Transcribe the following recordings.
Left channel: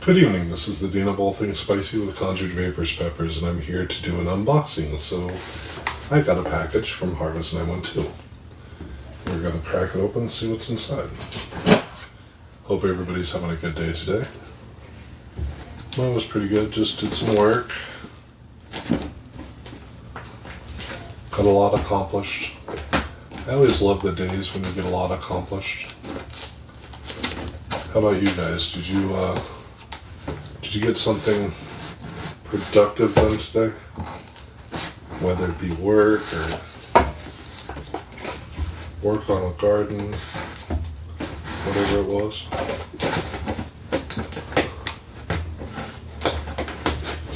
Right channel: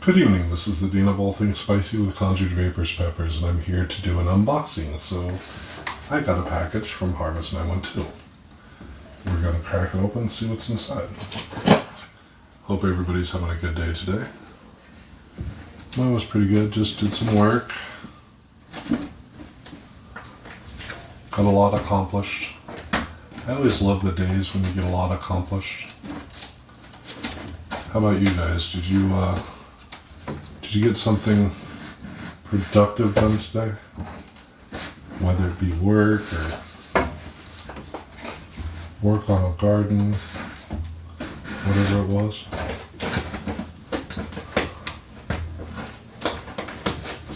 Good evening, this is the Dean of All Things Spicy with Conjured Vaporz peppers, and I'm here to do an unboxing. So, I got a package from Harvest 912. We're going to crack it open and see what's inside. Hope everybody's having a good day today. Mine was pretty good, just did some work. Got a lot accomplished. I always love the days when you get a lot accomplished. How about you guys? Did you get something productive done today? Whether it be work or work on a garden, whatever it was.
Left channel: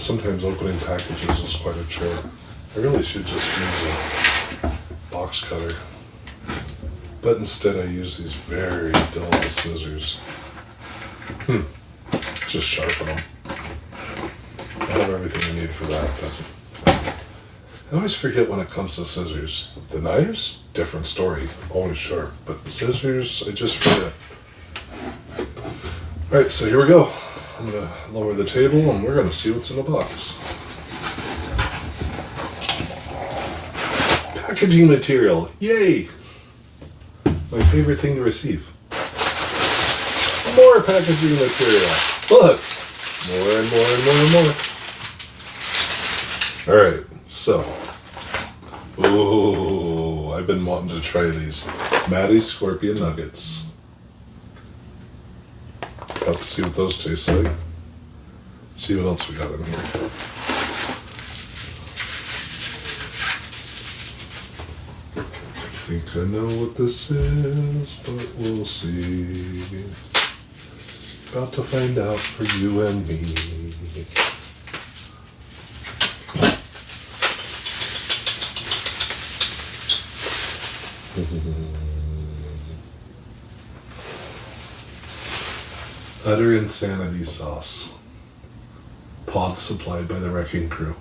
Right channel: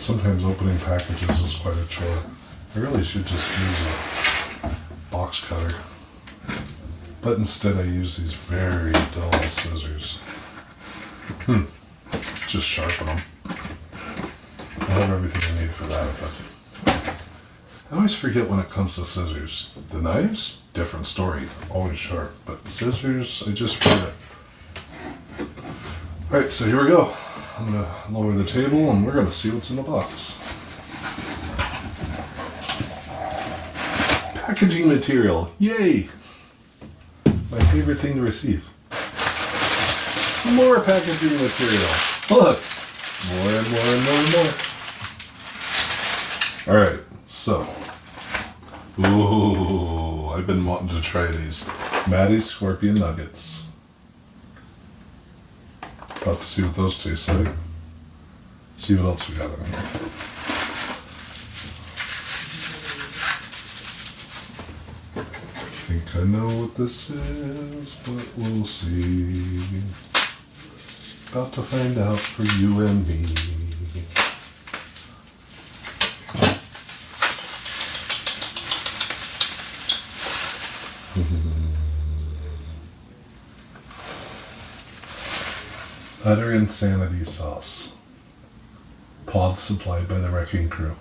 Sometimes opening packages is quite a chore. I really should just use a box cutter. But instead I use these very dull scissors. Just sharpen them. I have everything I need for that, but I always forget when it comes to scissors. The knives, different story, always sharp, but scissors, I just forget. Alright, so here we go. I'm going to lower the table and we're going to see what's in the box. Packaging material, yay! My favorite thing to receive. More packaging material. Look! More and more and more and more. Alright, so. Ooh, I've been wanting to try these. Trinidad Scorpion nuggets. About to see what those taste like. See what else we got in here. I think I know what this is, but we'll see. About to find out for you and me. Utter Insanity sauce. Pods supplied by the Wrecking Crew.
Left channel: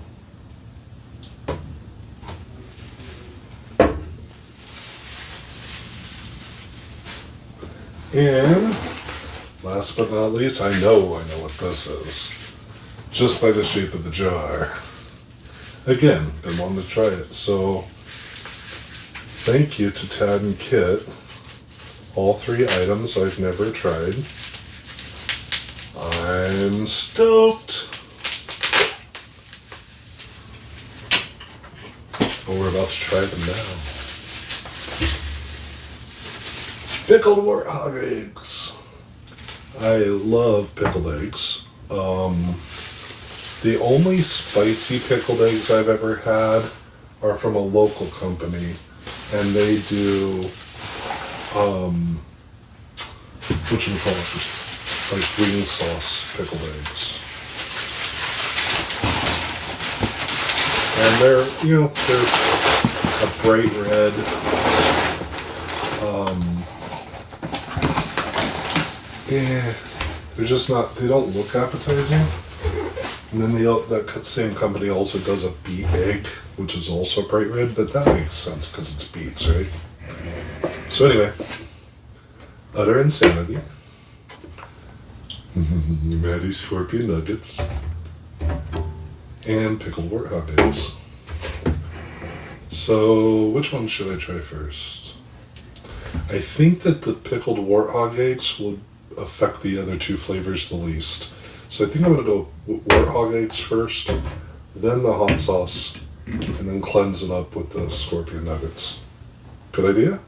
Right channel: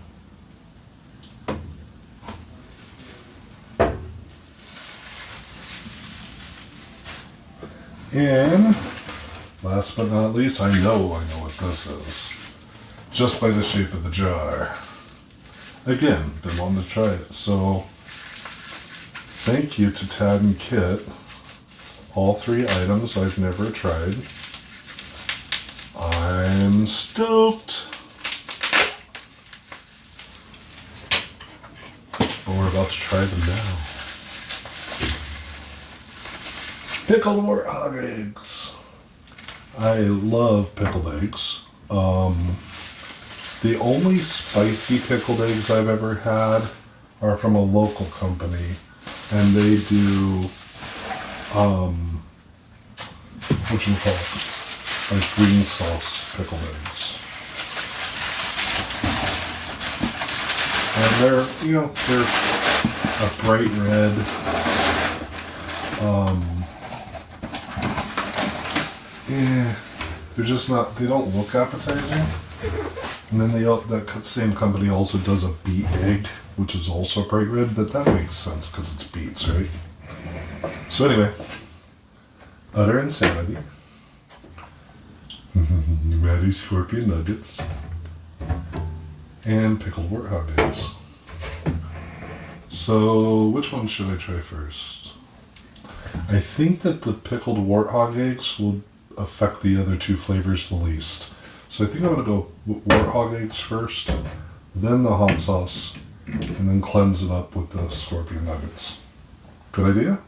And last but not least, I know what this is. Just by the shape of the jar. Again, been wanting to try it. So, thank you to Tad and Kit. All three items I've never tried. I'm stoked. But we're about to try them now. Pickled Warthog eggs. I love pickled eggs. The only spicy pickled eggs I've ever had are from a local company, and they do, like green sauce pickled eggs. And they're a bright red, they're just not, they don't look appetizing. And then that same company also does a beet egg, which is also bright red, but that makes sense because it's beets, right? So anyway, Utter Insanity. Matty Scorpion nuggets. And pickled warthog eggs. So, which one should I try first? I think that the pickled warthog eggs will affect the other two flavors the least. So I think I'm going to go with warthog eggs first, then the hot sauce, and then cleanse it up with the scorpion nuggets. Good idea?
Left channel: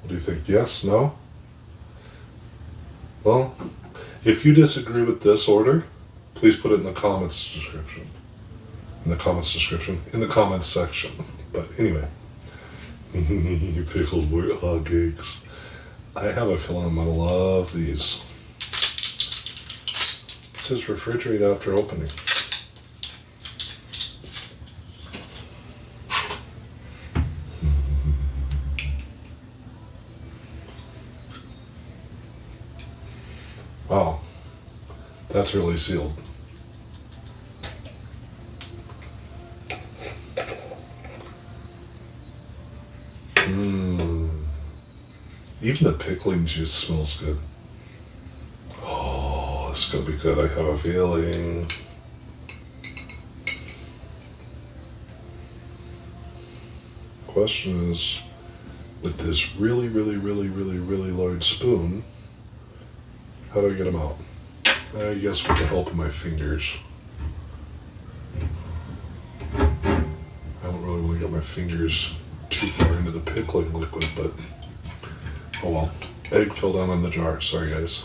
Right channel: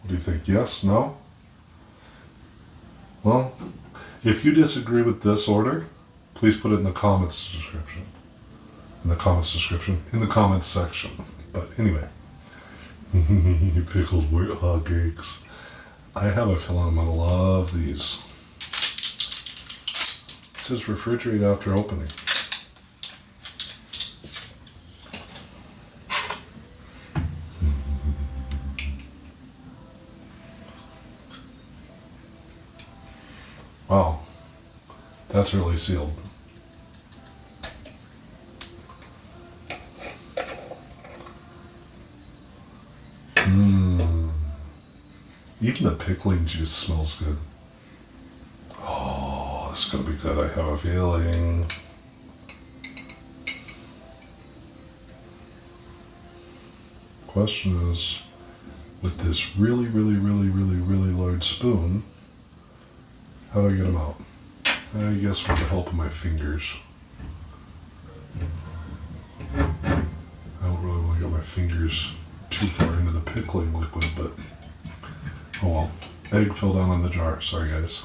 What do you think? Yes? No? Well, if you disagree with this order, please put it in the comments description. In the comments section. But anyway. Pickled warthog eggs. I have a feeling I'm going to love these. It says refrigerate after opening. Wow. That's really sealed. Even the pickling juice smells good. Oh, this is going to be good. I have a feeling. Question is, with this really, really, really, really, really large spoon, how do I get them out? I guess with the help of my fingers. I don't really want to get my fingers too far into the pickling liquid, but oh well. Egg fell down on the jar. Sorry, guys.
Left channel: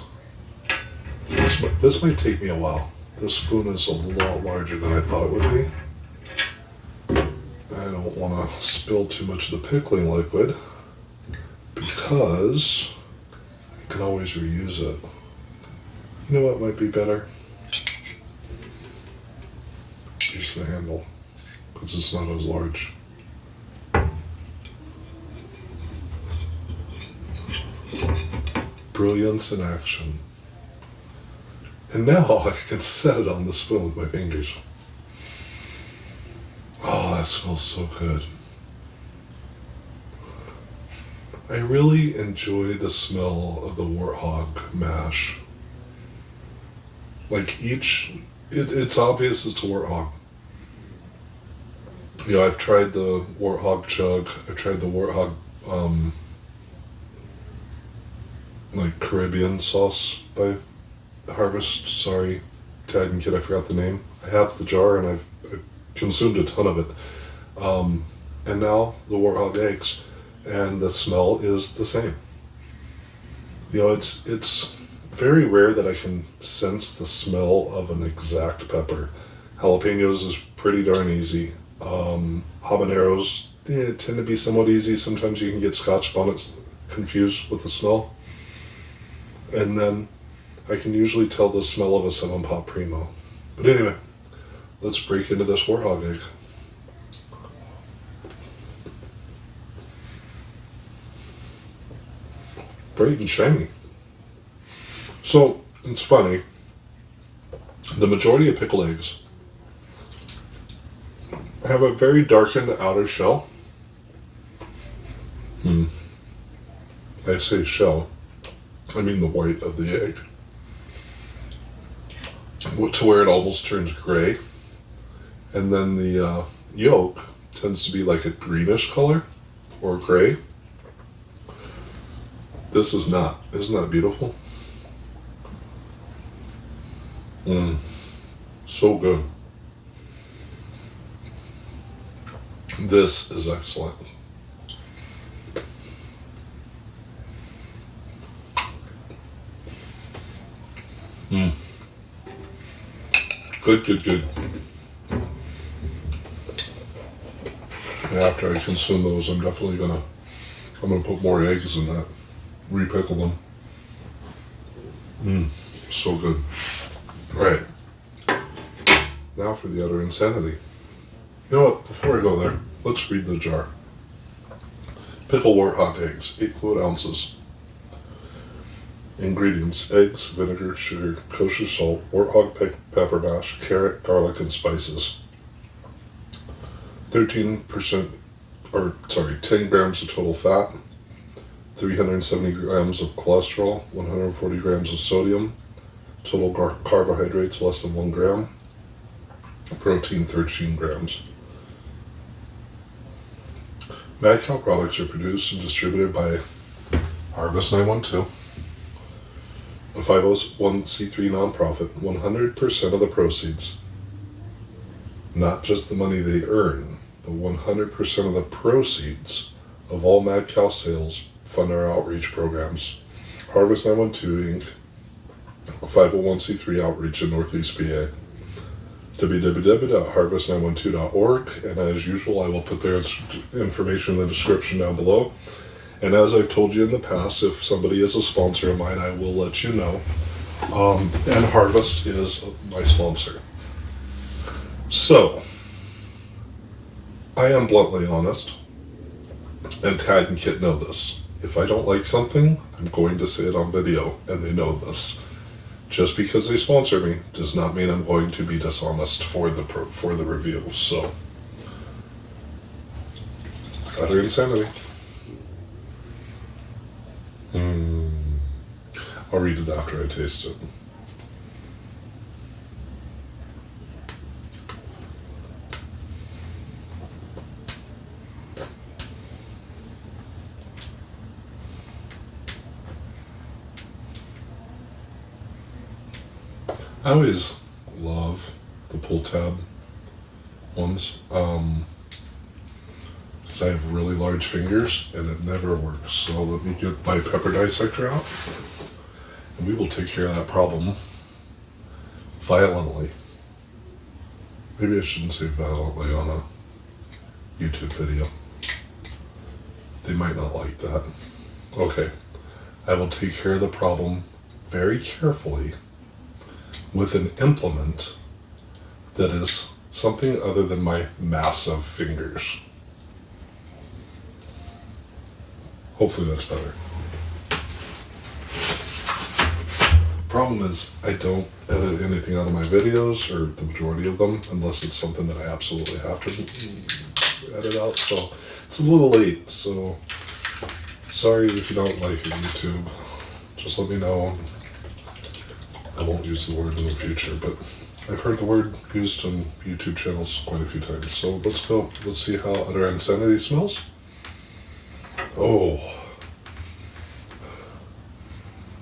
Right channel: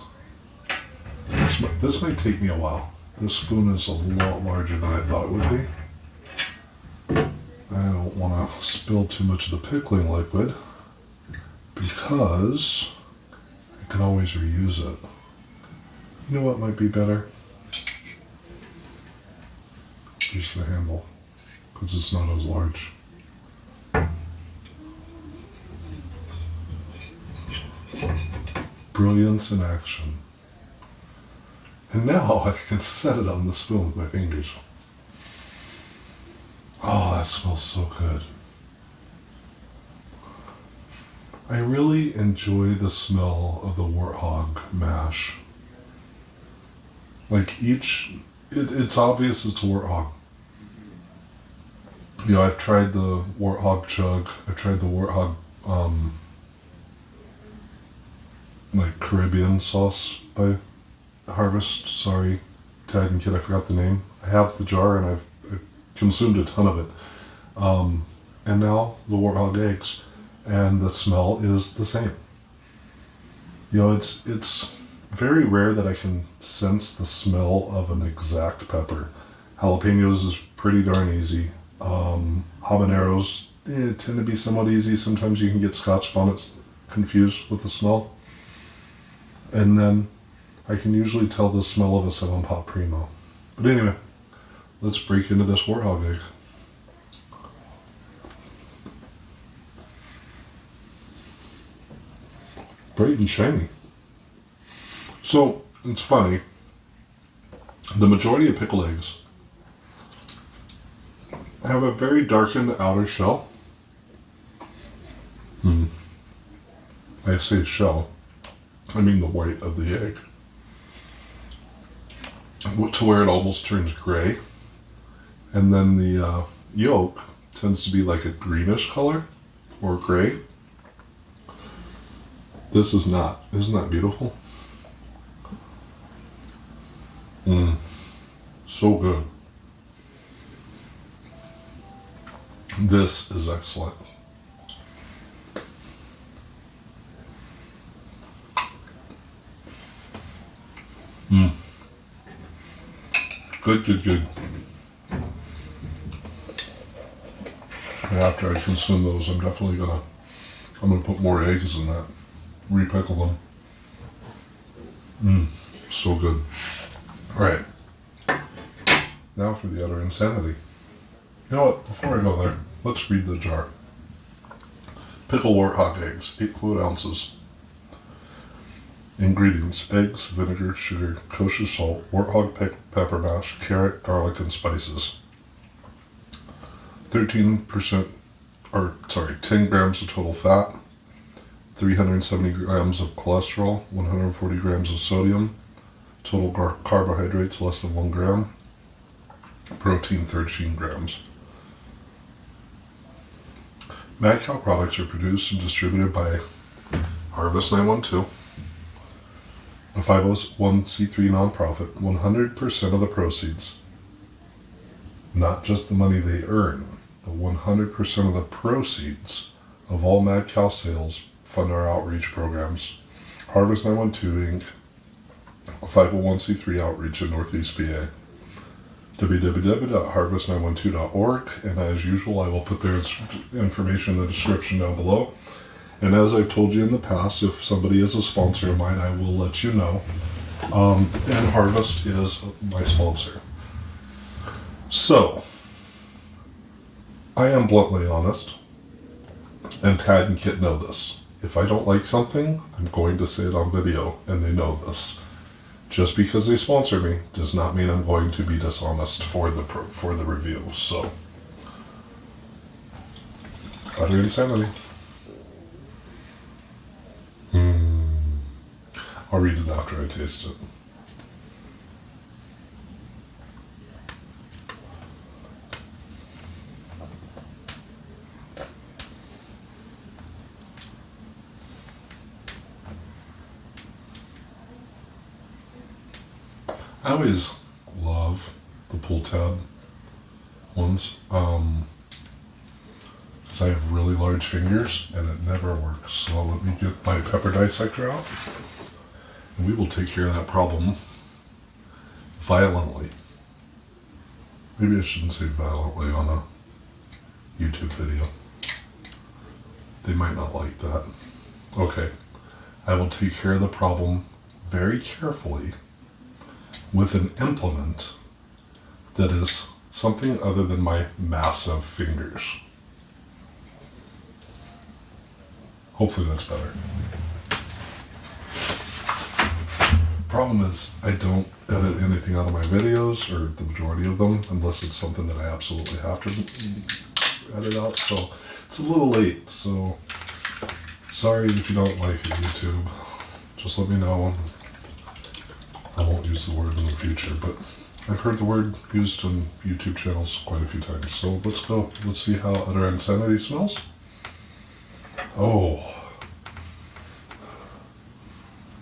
This might take me a while. This spoon is a lot larger than I thought it would be. I don't want to spill too much of the pickling liquid because I can always reuse it. You know what might be better? Just the handle, because it's not as large. Brilliance in action. And now I can set it on the spoon with my fingers. Oh, that smells so good. I really enjoy the smell of the Warthog mash. Like it's obvious it's a Warthog. You know, I've tried the Warthog chug. I've tried the Warthog, like Caribbean sauce by Harvest. Sorry, Tad and Kid, I forgot the name. I have the jar and I've consumed a ton of it. And now the Warthog eggs, and the smell is the same. You know, it's very rare that I can sense the smell of an exact pepper. Jalapenos is pretty darn easy. Habaneros tend to be somewhat easy. Sometimes you can get Scotch bonnets confused with the smell. And then I can usually tell the smell of a 7 Pot Primo. But anyway, let's break into this Warthog egg. Bright and shiny. So, it's funny. The majority of pickled eggs have a very darkened outer shell. I say shell, I mean the white of the egg. To where it almost turns gray. And then the yolk tends to be like a greenish color or gray. This is not. Isn't that beautiful? So good. This is excellent. Good, good, good. And after I consume those, I'm gonna put more eggs in that. Repickle them. So good. All right. Now for the utter insanity. You know what? Before I go there, let's read the jar. Pickle Warthog eggs, 8 fluid ounces. Ingredients: eggs, vinegar, sugar, kosher salt, Warthog pepper mash, carrot, garlic, and spices. 10 grams of total fat, 370 grams of cholesterol, 140 grams of sodium, total carbohydrates less than 1 gram, protein 13 grams. Mad Cow products are produced and distributed by Harvest 912, a 501c3 nonprofit. 100% of the proceeds, not just the money they earn, but 100% of the proceeds of all Mad Cow sales fund our outreach programs. Harvest 912 Inc., a 501c3 outreach in Northeast PA. www.harvest912.org, and as usual, I will put their information in the description down below. And as I've told you in the past, if somebody is a sponsor of mine, I will let you know. And Harvest is my sponsor. So, I am bluntly honest, and Tad and Kit know this. If I don't like something, I'm going to say it on video, and they know this. Just because they sponsor me does not mean I'm going to be dishonest for the review. So, utter insanity. I'll read it after I taste it. I always love the pull tab ones. Because I have really large fingers and it never works. So let me get my pepper dissector out and we will take care of that problem violently. Maybe I shouldn't say violently on a YouTube video. They might not like that. Okay, I will take care of the problem very carefully with an implement that is something other than my massive fingers. Hopefully that's better. Problem is, I don't edit anything out of my videos, or the majority of them, unless it's something that I absolutely have to edit out, so it's a little late, so sorry if you don't like it, YouTube. Just let me know. I won't use the word in the future, but I've heard the word used on YouTube channels quite a few times, so let's go. Let's see how utter insanity smells. Oh,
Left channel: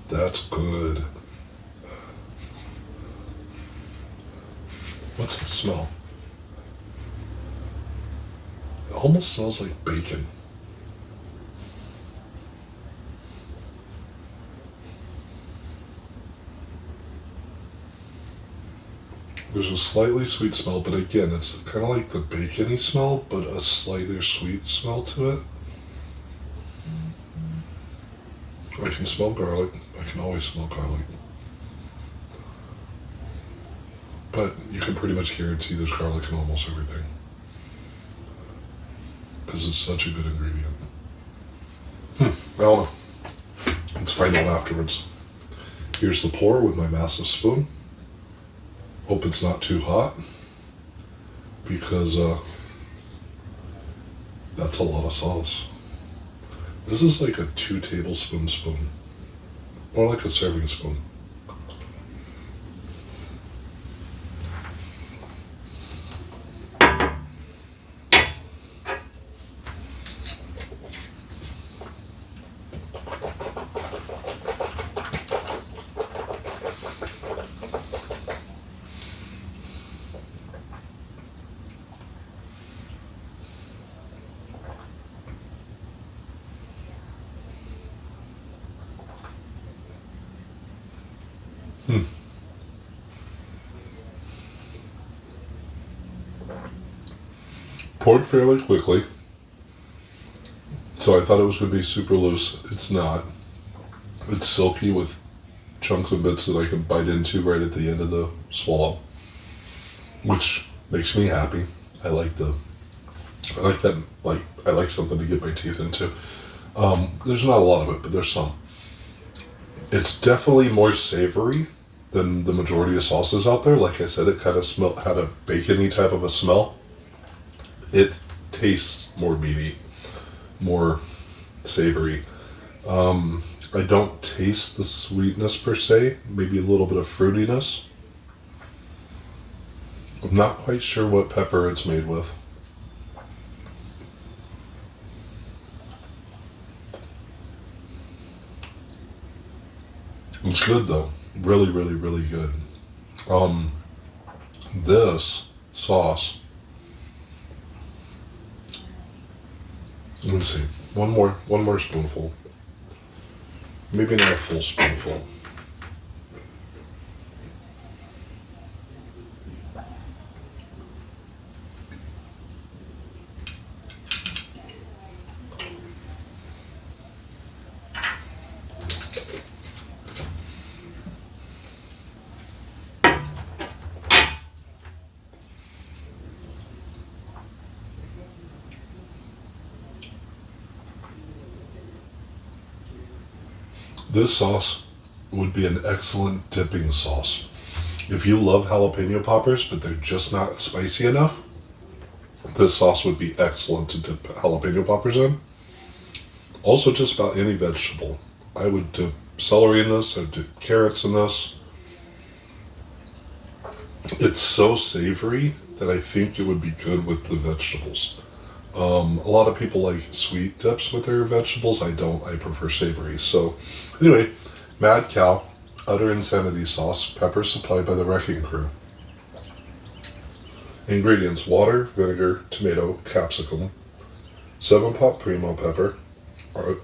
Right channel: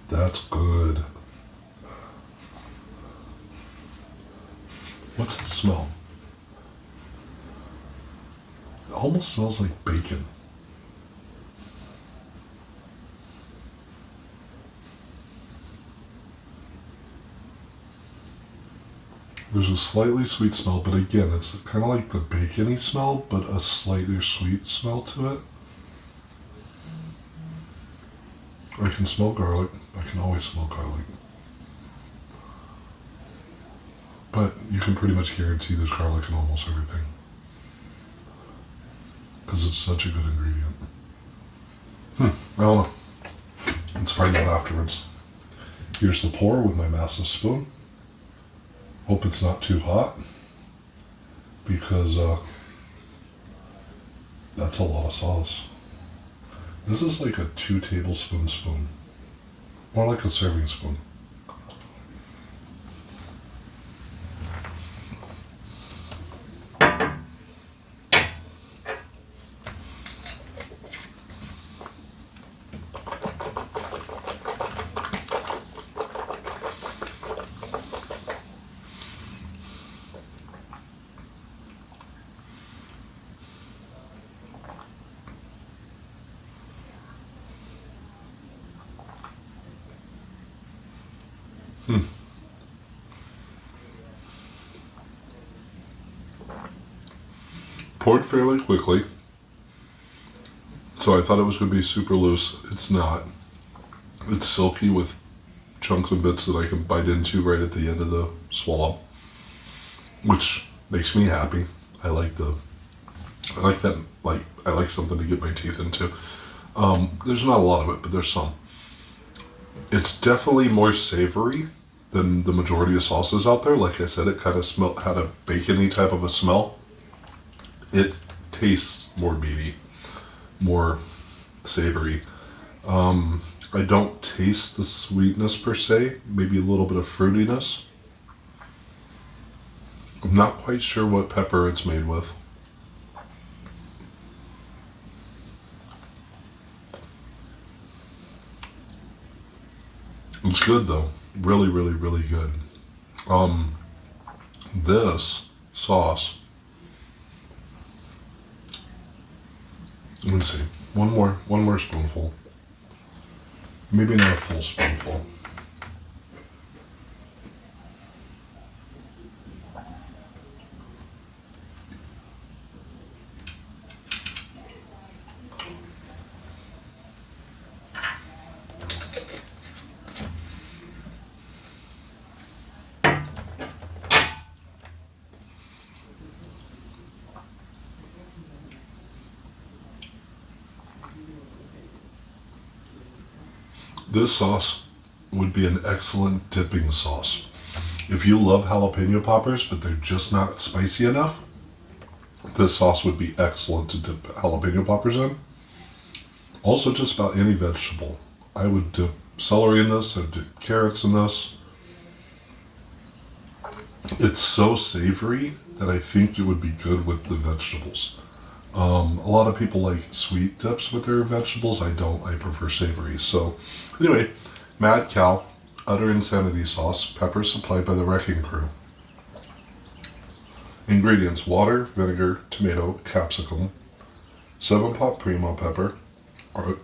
that's good. What's it smell? It almost smells like bacon. There's a slightly sweet smell, but again, it's kind of like the bacony smell, but a slightly sweet smell to it. I can smell garlic. I can always smell garlic. But you can pretty much guarantee there's garlic in almost everything. Because it's such a good ingredient. I don't know. Let's find out afterwards. Here's the pour with my massive spoon. Hope it's not too hot. Because that's a lot of sauce. This is like a 2 tablespoon spoon. More like a serving spoon. Poured fairly quickly, so I thought it was going to be super loose. It's not. It's silky with chunks and bits that I can bite into right at the end of the swallow, which makes me happy. I like that. Like I like something to get my teeth into. There's not a lot of it, but there's some. It's definitely more savory than the majority of sauces out there. Like I said, it kind of had a bacony type of a smell. It tastes more meaty, more savory. I don't taste the sweetness per se, maybe a little bit of fruitiness. I'm not quite sure what pepper it's made with. It's good though. Really, really, really good. This sauce, let me see, one more spoonful. Maybe not a full spoonful. This sauce would be an excellent dipping sauce. If you love jalapeno poppers, but they're just not spicy enough, this sauce would be excellent to dip jalapeno poppers in. Also, just about any vegetable. I would dip celery in this, I'd dip carrots in this. It's so savory that I think it would be good with the vegetables. A lot of people like sweet dips with their vegetables. I don't. I prefer savory. So, anyway, Mad Cow. Utter Insanity sauce, pepper supplied by the Wrecking Crew. Ingredients: water, vinegar, tomato, capsicum, 7 Pot Primo pepper,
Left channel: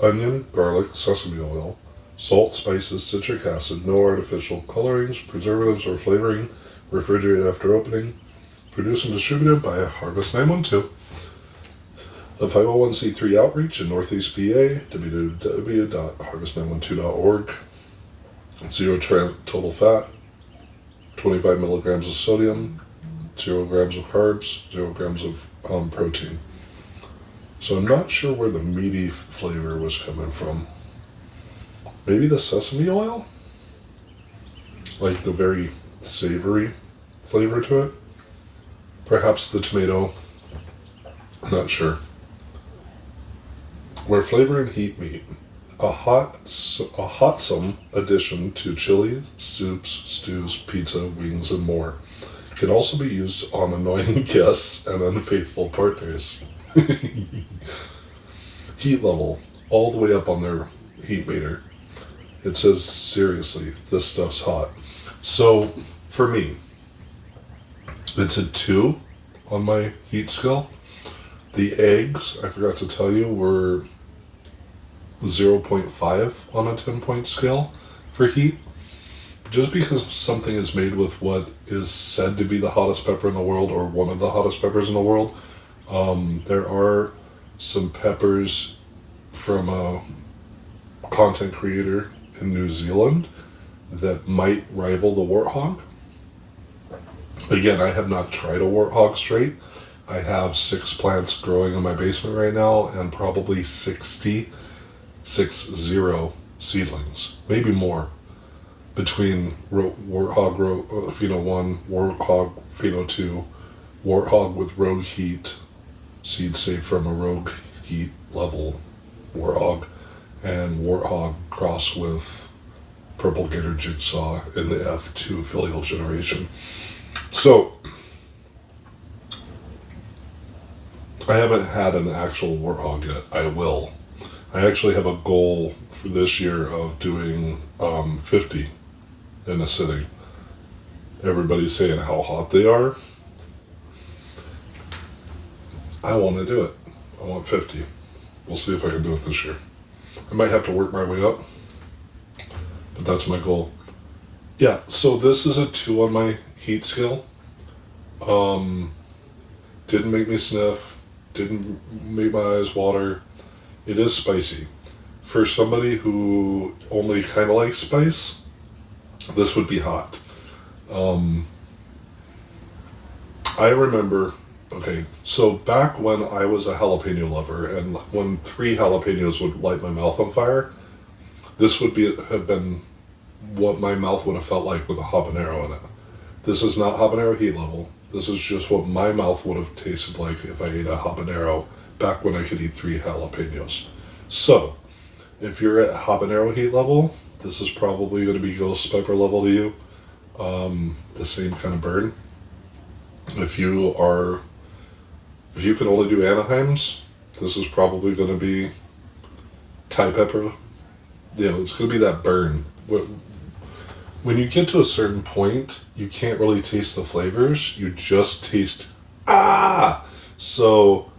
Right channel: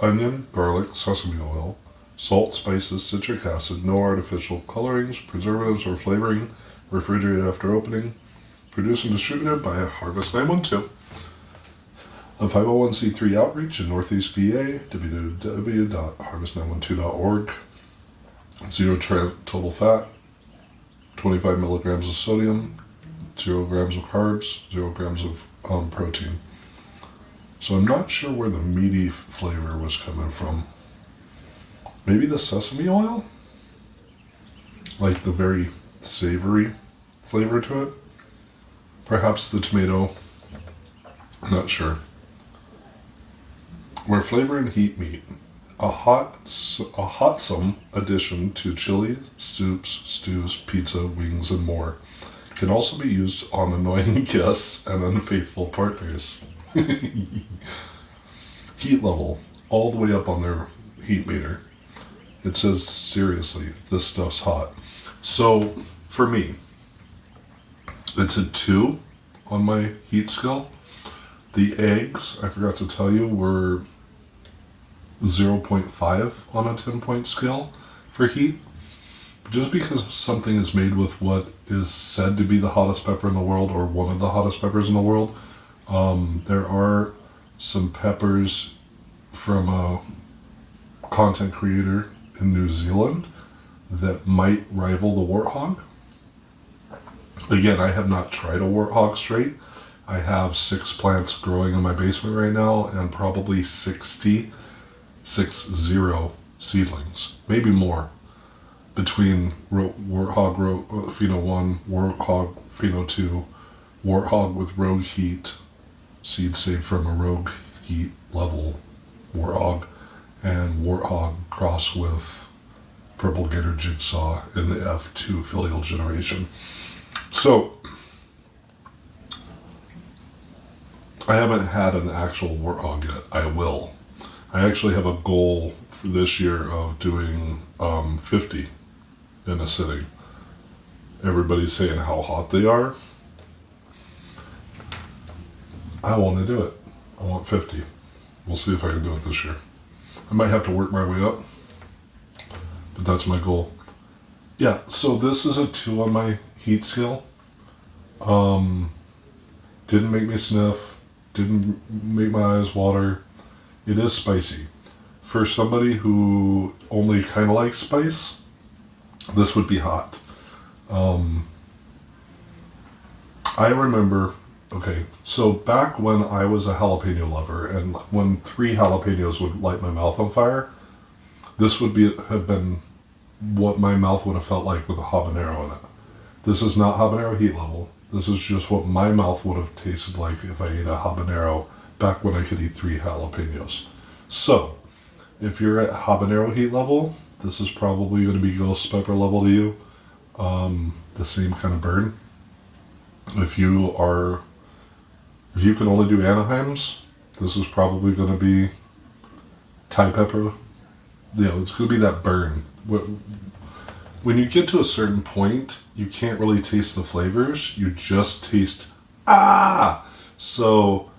onion, garlic, sesame oil, salt, spices, citric acid, no artificial colorings, preservatives, or flavoring, refrigerated after opening, produced and distributed by Harvest 912. A 501c3 outreach in Northeast PA, www.harvest912.org. 0 total fat, 25 milligrams of sodium, 0 grams of carbs, 0 grams of protein. So I'm not sure where the meaty flavor was coming from. Maybe the sesame oil? Like the very savory flavor to it? Perhaps the tomato. I'm not sure. Where flavor and heat meet. A hotsome addition to chili, soups, stews, pizza, wings, and more. Can also be used on annoying guests and unfaithful partners. Heat level, all the way up on their heat meter. It says, seriously, this stuff's hot. So, for me, it's a 2 on my heat scale. The eggs, I forgot to tell you, were 0.5 on a 10-point scale for heat. Just because something is made with what is said to be the hottest pepper in the world, or one of the hottest peppers in the world, there are some peppers from a content creator in New Zealand that might rival the Warthog. Again, I have not tried a Warthog straight. I have 6 plants growing in my basement right now, and probably 60 seedlings, maybe more, between Warthog Pheno 1, Warthog Pheno 2, Warthog with Rogue Heat, seed saved from a Rogue Heat level Warthog, and Warthog cross with Purple Gator Jigsaw in the F2 filial generation. So, I haven't had an actual Warthog yet. I will. I actually have a goal for this year of doing 50 in a sitting. Everybody's saying how hot they are. I want to do it. I want 50. We'll see if I can do it this year. I might have to work my way up, but that's my goal. Yeah, so this is a 2 on my heat scale. Didn't make me sniff, didn't make my eyes water. It is spicy. For somebody who only kind of likes spice, this would be hot. I remember, okay, so back when I was a jalapeno lover, and when 3 jalapenos would light my mouth on fire, this would have been what my mouth would have felt like with a habanero in it. This is not habanero heat level. This is just what my mouth would have tasted like if I ate a habanero back when I could eat 3 jalapenos. So, if you're at habanero heat level, this is probably going to be ghost pepper level to you. The same kind of burn. If you can only do Anaheims, this is probably going to be Thai pepper. It's going to be that burn. When you get to a certain point, you can't really taste the flavors. You just taste, So,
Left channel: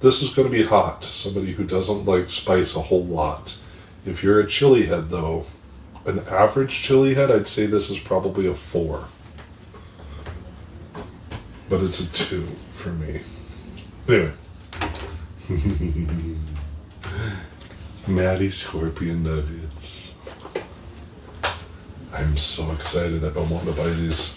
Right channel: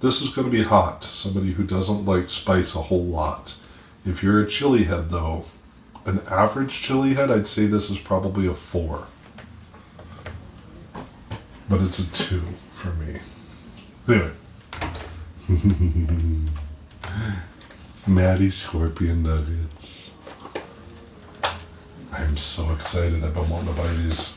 this is going to be hot. Somebody who doesn't like spice a whole lot. If you're a chili head, though, an average chili head, I'd say this is probably a 4. But it's a 2 for me. Anyway. Maddie Scorpion Nuggets. I am so excited. I've been wanting to buy these.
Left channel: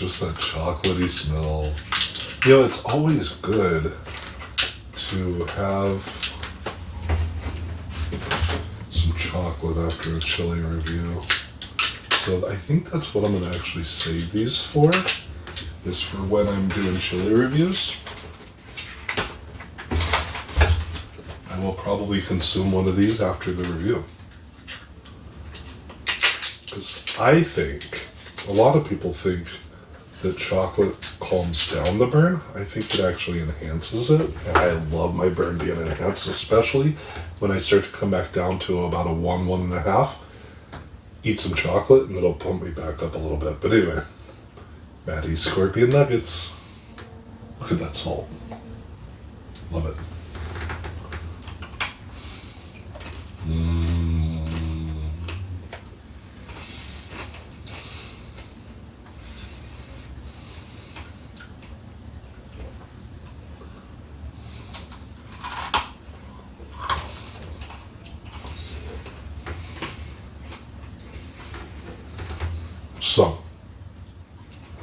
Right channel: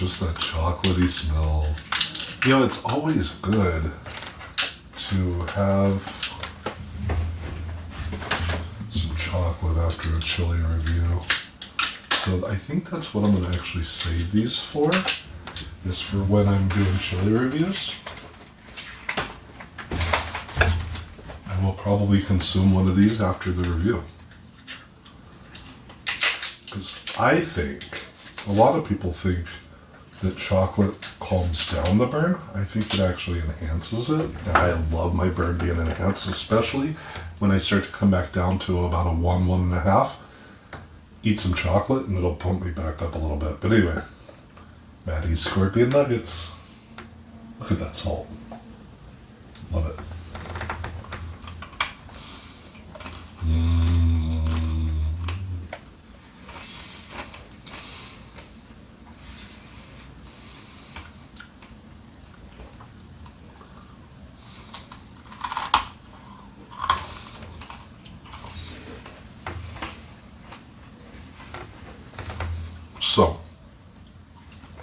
Just that chocolatey smell. It's always good to have some chocolate after a chili review. So I think that's what I'm going to actually save these for, is for when I'm doing chili reviews. I will probably consume one of these after the review. Because I think, a lot of people think that chocolate calms down the burn. I think it actually enhances it. And I love my burn being enhanced, especially when I start to come back down to about a 1.5. Eat some chocolate and it'll pump me back up a little bit. But anyway, Maddie's Scorpion Nuggets. Look at that salt. Love it. So,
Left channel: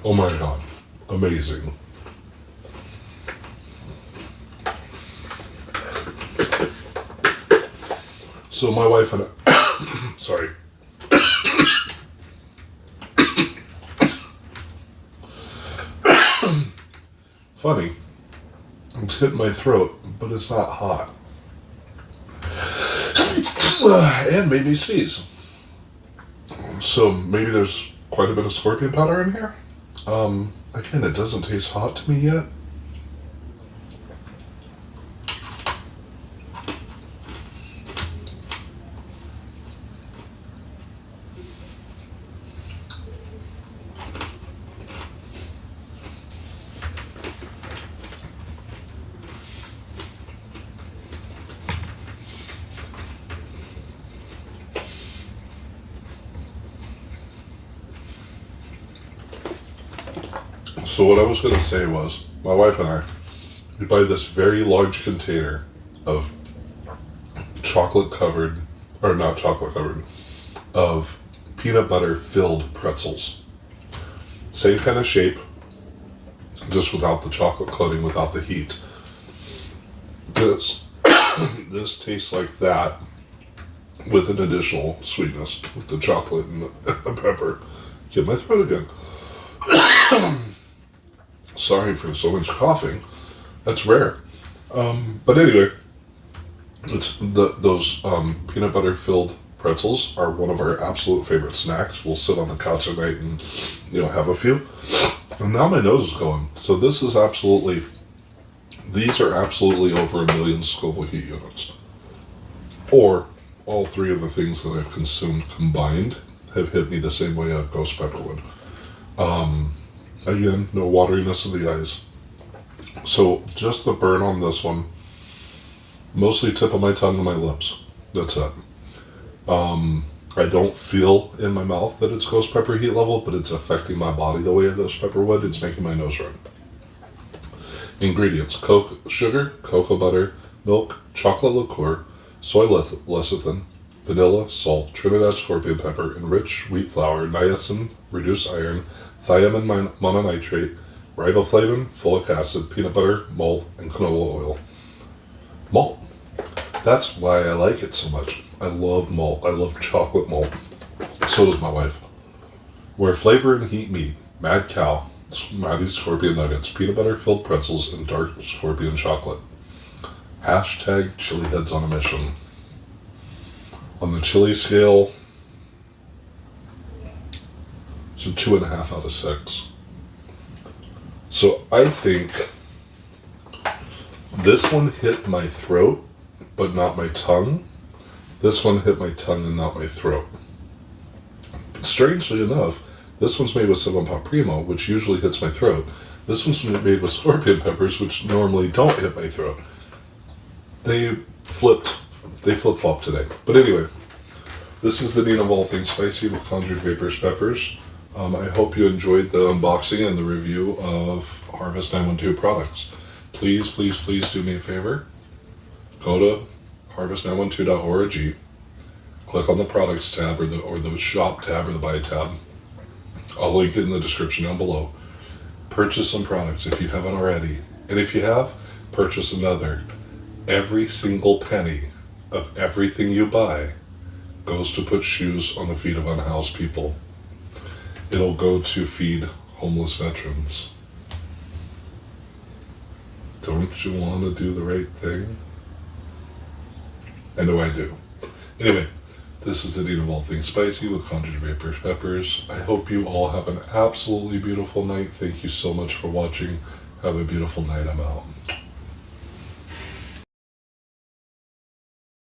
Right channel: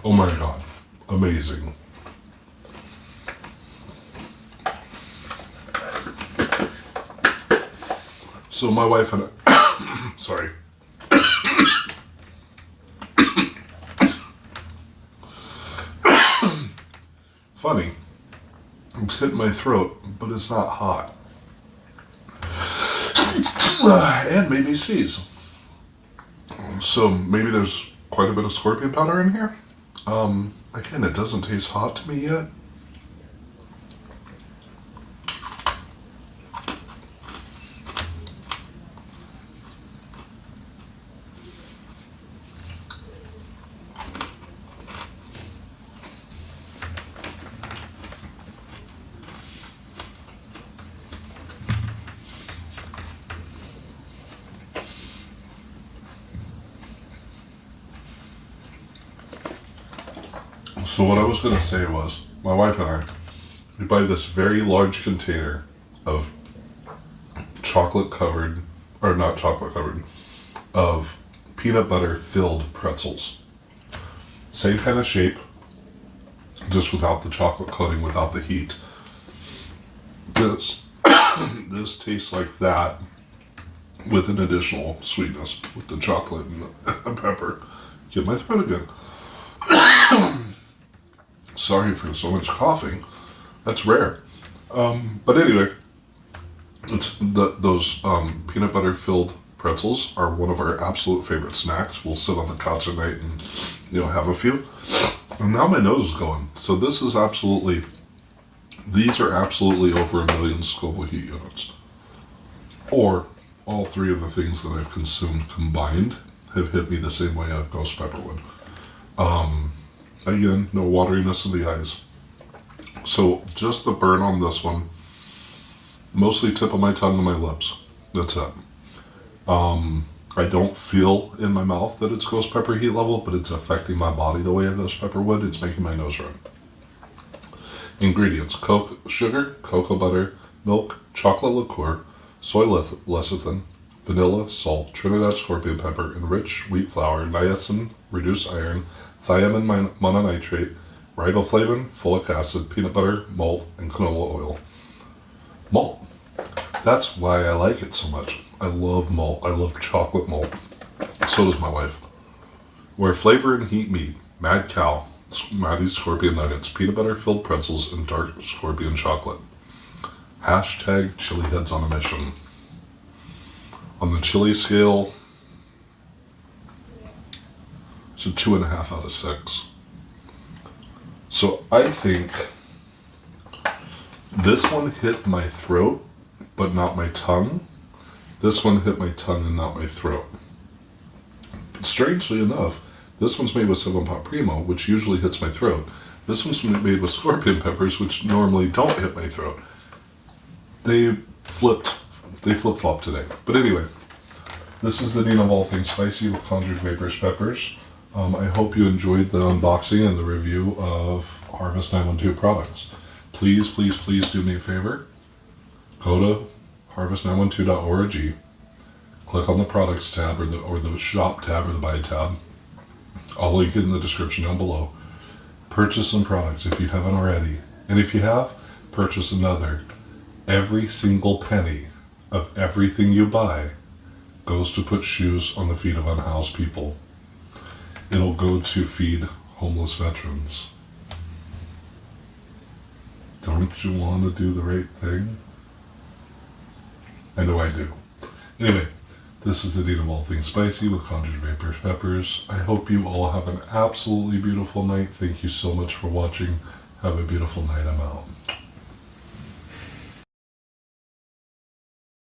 oh my god, amazing. So my wife and I, sorry. Funny, it's hitting my throat, but it's not hot. And made me sneeze. So maybe there's quite a bit of scorpion powder in here. Again, it doesn't taste hot to me yet. So what I was going to say was, my wife and I, we buy this very large container of chocolate covered, or not chocolate covered, of peanut butter filled pretzels. Same kind of shape, just without the chocolate coating, without the heat. This, this tastes like that with an additional sweetness with the chocolate and the pepper. Get my throat again. Sorry for so much coughing. That's rare. But anyway, it's those peanut butter filled pretzels are one of our absolute favorite snacks. We'll sit on the couch at night and have a few. And now my nose is going. So this is absolutely. These are absolutely over 1 million Scoville heat units. Or all three of the things that I've consumed combined have hit me the same way a ghost pepper would. Again, no wateriness in the eyes. So just the burn on this one, mostly tip of my tongue and my lips. That's it. I don't feel in my mouth that it's ghost pepper heat level, but it's affecting my body the way a ghost pepper would. It's making my nose run. Ingredients: sugar, cocoa butter, milk, chocolate liqueur, soy lecithin, vanilla, salt, Trinidad Scorpion pepper, enriched wheat flour, niacin, reduced iron, thiamine mononitrate, riboflavin, folic acid, peanut butter, malt, and canola oil. Malt. That's why I like it so much. I love malt. I love chocolate malt. So does my wife. Where flavor and heat meet, Mad Cow, Maddie's Scorpion Nuggets, peanut butter filled pretzels, and dark scorpion chocolate. Hashtag chili heads on a mission. On the chili scale, it's a 2.5 out of 6. So I think this one hit my throat, but not my tongue. This one hit my tongue and not my throat. But strangely enough, this one's made with some Pot Primo, which usually hits my throat. This one's made with scorpion peppers, which normally don't hit my throat. They flip-flop today. But anyway, this is the Dean of All Things Spicy with Conjured Vaporz peppers. I hope you enjoyed the unboxing and the review of Harvest 912 products. Please, please, please do me a favor. Go to harvest912.org. Click on the products tab or the shop tab or the buy tab. I'll link it in the description down below. Purchase some products if you haven't already. And if you have, purchase another. Every single penny of everything you buy goes to put shoes on the feet of unhoused people. It'll go to feed homeless veterans. Don't you want to do the right thing? I know I do. Anyway, This is the Eat of All Things Spicy with Conjured Vaporz peppers. I hope you all have an absolutely beautiful night. Thank you so much for watching. Have a beautiful night. I'm out.